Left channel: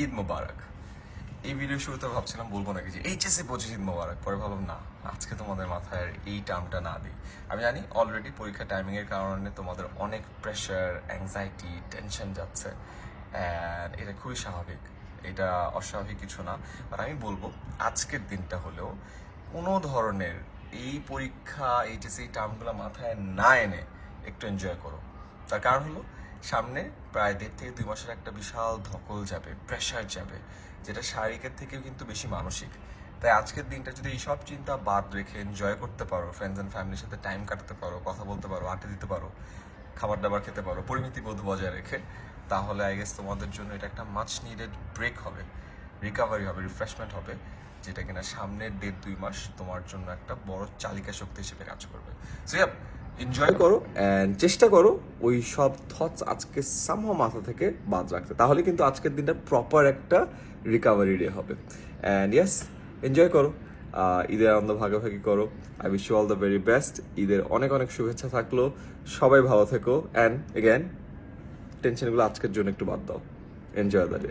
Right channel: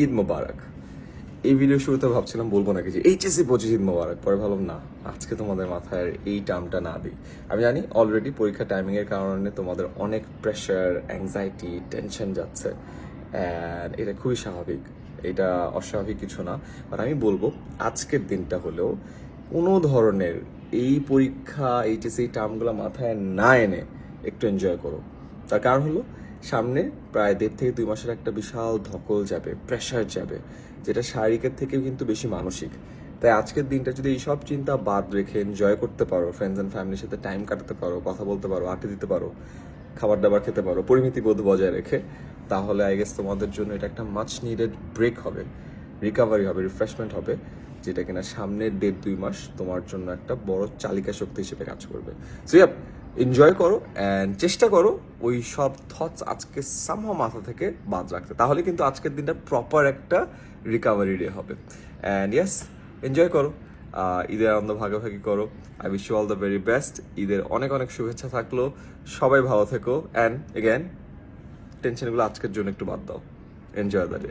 ঈদ মোবারক। এই ভিডিও শুরুতে ভাবছিলাম বলবো নাকি যে এইচএসসি 25 ঈদ মোবারক, পরে ভাবলাম না, আজকে তোমাদের মাথায় এই টার্মটা না দিই। আমি জানি অলরেডি পরীক্ষা টাইমিংয়ের কারণে তোমাদের অনেক প্রেশার, অ্যাংজাইটি, টেনশন যাচ্ছে, অ্যান্ড এটা খুবই স্বাভাবিক, এটা অস্বাভাবিক কিছু না। আর আমি বলবো আজকের দিনটা হলেও কোনো ধরনের এই পরীক্ষা, এইচএসসি এই টার্মগুলো মাথায় না এনে একটু এনজয় করো। তার কারণ হলো সামনে প্রায় 1.5 থেকে 2 মাসের একটা বিশাল ধকল যাবে, প্রেশার যাবে, যেটা শারীরিকের থেকেও কিন্তু বেশি মানসিক। তাই আজকের দিনটা যদি এই সব চিন্তা বাদ রেখে এনজয় করতে পারো, ফ্রেন্ডস অ্যান্ড ফ্যামিলির সাথে টাইম কাটাতে পারো, কথা বলতে পারো, আড্ডা দিতে পারো, খাবার দাবার খেতে পারো, পরিমিতি বোধ বজায় রেখে, তাহলে আই গেস তোমাদের জন্য এটা একটা মাচ নিডেড ব্রেক হবে, রিকাভারি হবে, রিফ্রেশমেন্ট হবে, যেটা কিনা সামনের 1.5-2 মাস তোমার জন্য একটা বড় চালিকা শক্তি হিসেবে কাজ করবে। সো ইয়াপ, এনজয় করো অ্যান্ড চেষ্টা করো ওই সব থটস আজকে সামহাও মাথা থেকে বাদ রাখতে, তাহলে কিন্তু আজকের দিনটা প্রপার একটা রিকাভারি ডে হবে। অ্যান্ড ইয়েস, এনজয় করো, ঈদের আনন্দ ভাগাভাগি করো। I wish you all the very best. ঈদের অনেক অনেক শুভেচ্ছা থাকলো, সবাই ভালো থেকো, অ্যান্ড এগেন টেনশনগুলো আজকের জন্য একটু বাদ দাও। Enjoy the day.